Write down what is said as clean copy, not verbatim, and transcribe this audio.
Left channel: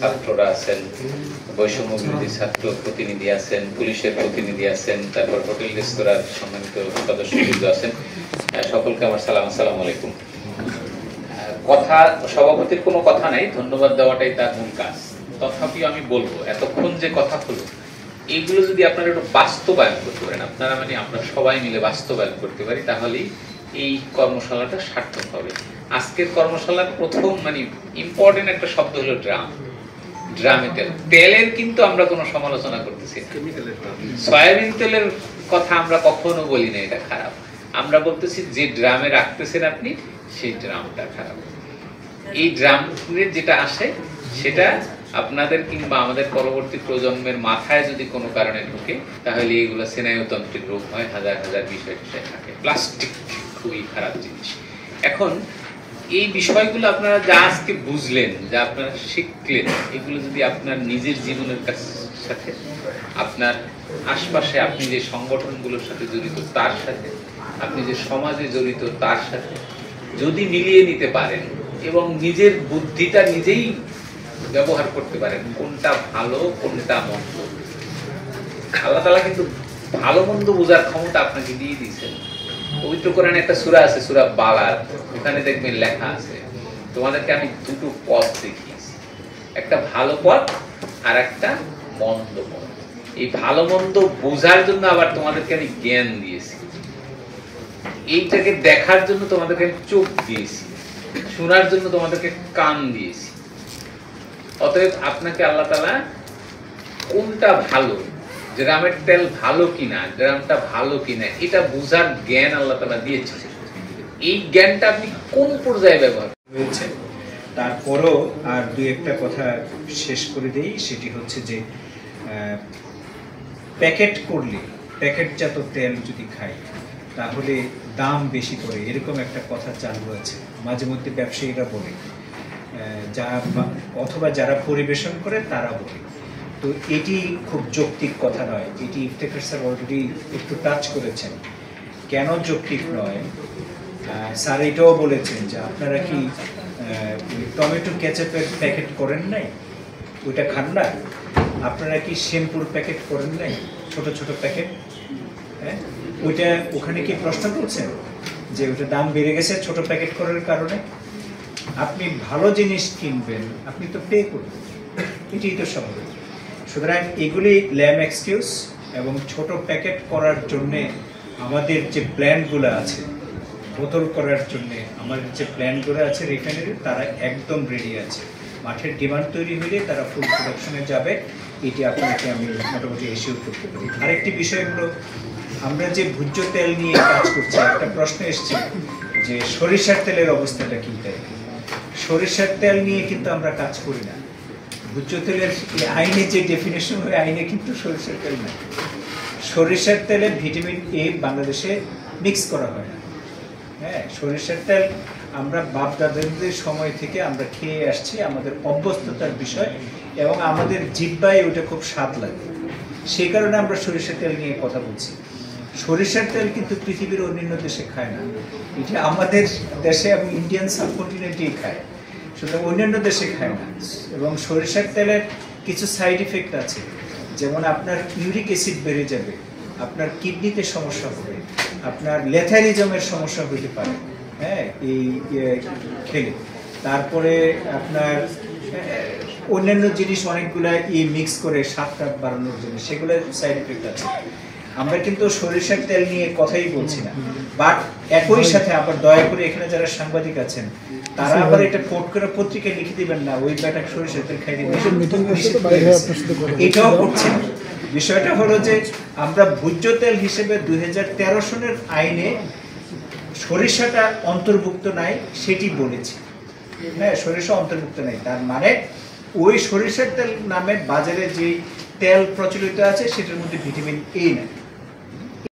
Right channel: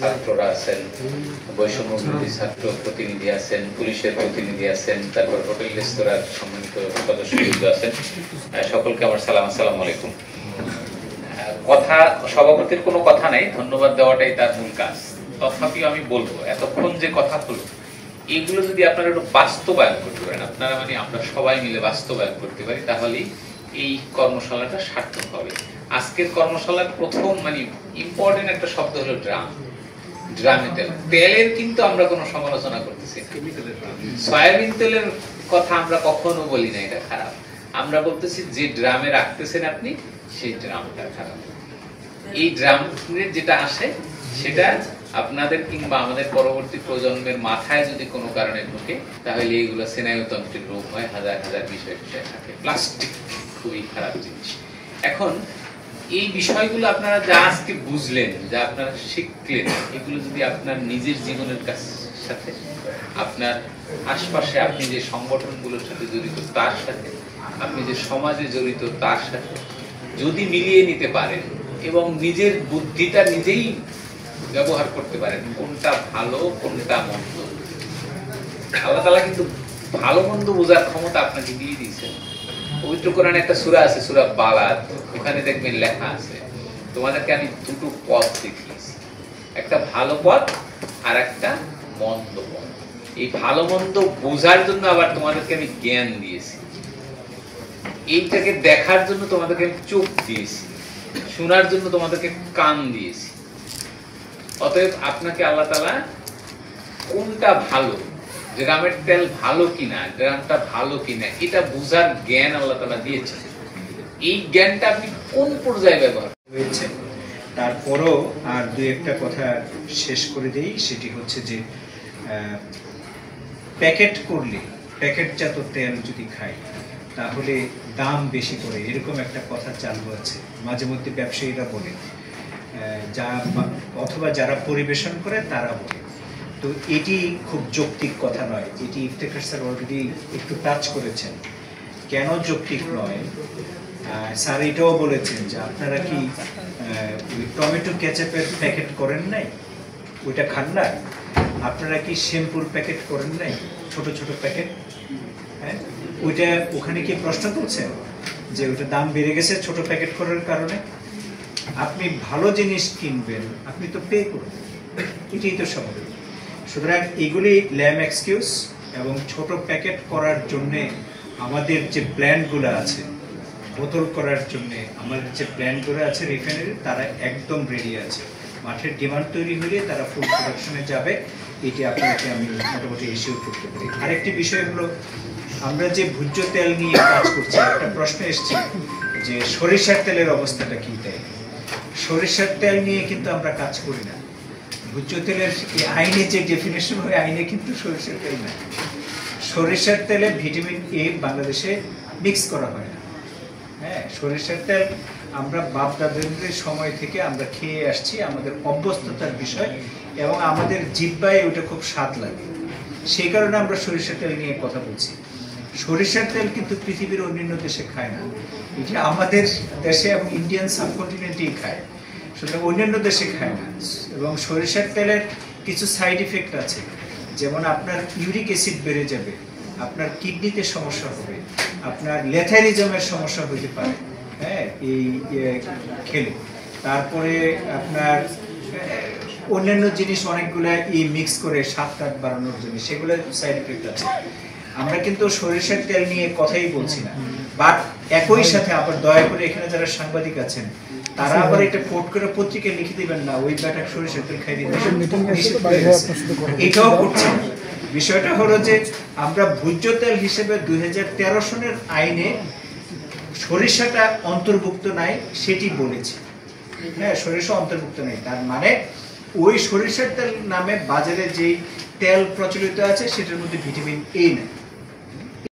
ছাত্ররা আছেন, বৈষম্য বিরোধী ছাত্র প্রতিনিধি আছেন, পুলিশের প্রতিনিধি আছেন, তারপর হোটেল রেস্তোরাঁর সম্মানিত সদস্যবৃন্দ আছেন, সকলকে আমার সালাম। আসসালামু আলাইকুম। কথা সভাপতির কোনো কথা নাই, ধন্যবাদ দেওয়াটাই তার মূল কাজ। তথাপিও আমি বলবো, এতক্ষণ যে কথা হলো এগুলো যদি আপনারা একটু বাস্তবায়ন করতে পারেন, আপনারা মানে আমরা সবাই মিলে বাস্তবায়ন করতে পারি, তাহলেই এই কর্মশালাটা সার্থক হবে। আজকের কর্মশালার প্রথম মানে ইম্পর্টেন্ট একটা শব্দ হলো ড্রাম। ড্রামে তেল, তেলের কিন্তু আমরা কোনো সমালোচনা করতেছি না। সয়াবিন তেলের কথা আমরা কখনো বলি না এটা খারাপ, আমরা বলতেছি যে ড্রামে রাখতেছেন আপনি সেই ড্রামটা খারাপ। এই ড্রামের যেটা আসে সেটা আপনাদের কিংবা আমাদের পরবর্তী প্রজন্মের মাথায় যদি কোনো কারণে ঢুকে তাহলে এগুলো স্নায়ুতন্ত্রের রোগ হয়, হাজার হাজার বিষয় থাকে। প্লাস্টিক খুবই খারাপ জিনিস। এখন এই বিষয়গুলো আপনারা যা আজকে বুঝলেন, যা আপনারা শিখলেন, এগুলো যদি আপনার নিজের জীবনের সাথে, আপনার আশপাশে আপনি যে সংগঠনগুলোর সাথে জড়িত তার সাথে, আপনি যে সমাজে জড়িত তার সাথে যদি মিলিয়ে নিতে পারেন এবং নিজের বুদ্ধিটা নিজেই ব্যবহার করতে পারেন, কোনটা ভালো কোনটা মন্দ। আল্লাহ তাআলা কিন্তু ভালো মন্দ বোঝার ক্ষমতা আপনাকে দিয়ে দিয়েছেন। পবিত্র কোরআনে একটা সূরা আছে, সূরা বালাদ, ওখানে দেখবেন লেখা আছে, তোমাদেরকে আমি দুটো পথ দেখিয়েছি, একটা ভালো পথ আর একটা মন্দ পথ। এই ভালো মন্দ বোঝার জন্য আবার তোমাদেরকে আমি জ্ঞান দিয়েছি, এইটাকে দেখার জন্য তোমাদেরকে আমি চোখ দিয়েছি, শোনার জন্য তোমাদেরকে কান দিয়েছি। অতএব আপনাকে আল্লাহ তাআলা কোনটা ভালো, ড্রামের তেল ভালো কিনা, ড্রামটা ভালো কিনা, এটা বোঝার জ্ঞান আল্লাহ তাআলা দিয়েছেন। এই জ্ঞানটা আপনি কোন পর্যায়ে ব্যবহার হয়েছে। তারপরও আর দুই একটা কথা শেষ করে দেই, সেটি হচ্ছে যে প্যাকেট করলে, প্যাকেটজাত তেল যদি খাই তাহলে দাম বেশি পড়ে, এরকম একটা কথা চালু আছে। মাঝে মধ্যে ব্যবসায়ীরা বলে, অথবা যারা পরিবেশন করে তারা বলে। তো এটি খুব যৌক্তিক কথা নয়, এটি ইফতেখার স্যার অলরেডি একটু টাচ করেছেন। কেন যৌক্তিক নয়, স্যার এটাও বলেছেন যে আপনারা কি টমেটো কেচাপের প্যাকেট করেন নাই, ওইটা খান না? আপনারা কি শ্যাম্পুর প্যাকেট করেন নাই, ছোট ছোট প্যাকেট? হ্যাঁ, ওইটা ওখানে কি প্রশ্ন করছেন যে ওইটা দাম বেড়ে গেছে ছোট প্যাকেট করার কারণে? আপনি ভালো জিনিস কিনবেন, আপনি তো পে করবেন, এটাই তো স্বাভাবিক। সুতরাং এগুলি ল্যাম এক্সকিউজ, এবং ছোট প্যাকেট করার জন্যে আমাদের যে প্ল্যান্টগুলো আছে, বোতল করার জন্য আমাদের যে প্ল্যান্টগুলো আছে রিফাইনারি, তারা একদম রেডি আছে। মাঠের ডিমান্ড তৈরি হলে তারা ফুল প্রোডাকশনে যাবে, এটি আপনাকে আমি মোটামুটি ইস্যু করতে পারি। আরেকটি বিষয় হলো, আমরা যে ভোজ্য তেল নিয়ে কাজ করছি, একটা প্রশ্ন এসছে যে সরিষার তেলের অবস্থাটা কী? তাই সরিষার তেল নিয়ে কিন্তু আমরা কাজ করি না। ভোজ্য তেলের আইনে যে ডেফিনেশন হয়, আইনে কিন্তু সরিষার তেল নাই। সরিষার তেলে ভিটামিন এ বাংলাদেশে মিক্স করা হয় না। হ্যাঁ, সরিষার তেল আমরা বাপ দাদাদের সময় থেকে আমরা খেয়ে আসছি, আমাদের অভ্যস্ততার বিষয়, এবং আমাদের জিহ্বায় ওটা খুব স্বাদ লাগে, সেই কারণে আমরা সরিষার তেল নিয়ে কথা বলছি। সরিষার তেল কিন্তু পৃথিবীর অন্যান্য দেশে খায় না, এটা আমাদের দেশে এবং ইন্ডিয়ান সাবকন্টিনেন্টেই খায়, সুতরাং অন্যান্য দেশে খায় না। এবং সরিষার তেলের কিছু সাইড ইফেক্ট আছে, যেমন আপনার ইউরিক অ্যাসিড বেড়ে যাবে, আপনার কিডনিতে সমস্যা হবে, আপনার লেথারিজমের সমস্যা হতে পারে, হ্যাঁ, এই খেলে। তারপরে আপনার অন্যান্য জিনিস অনেকগুলো মিক্স করে স্বাদটা বাড়ানোর জন্য, সেগুলো সাইড ইফেক্ট আছে। আমরা কিন্তু সরিষার তেল নিয়ে কথাই বলছি না, বাট একই সাথে আবার দয়া করে এখানে যারা সাংবাদিক আছেন তারা আবার এটা কোট করে পত্রিকায় লিখে দিবেন না ওই ব্যাটা সরিষার তেল খাই দিবেন, এটাও করছে না। বিষয়টা হলো যে আমরা ভোজ্য তেল হিসেবে 2013 সনের আইনে সরিষাটা অন্তর্ভুক্ত নাই সেটি বলেছি। হ্যাঁ, সরিষা অন্তর্ভুক্ত নেই, তার মানে ওই সরিষার তেল নামে বাজারে যে তেল প্রচলিত আছে সেটার মধ্যে ভিটামিন এ নাই।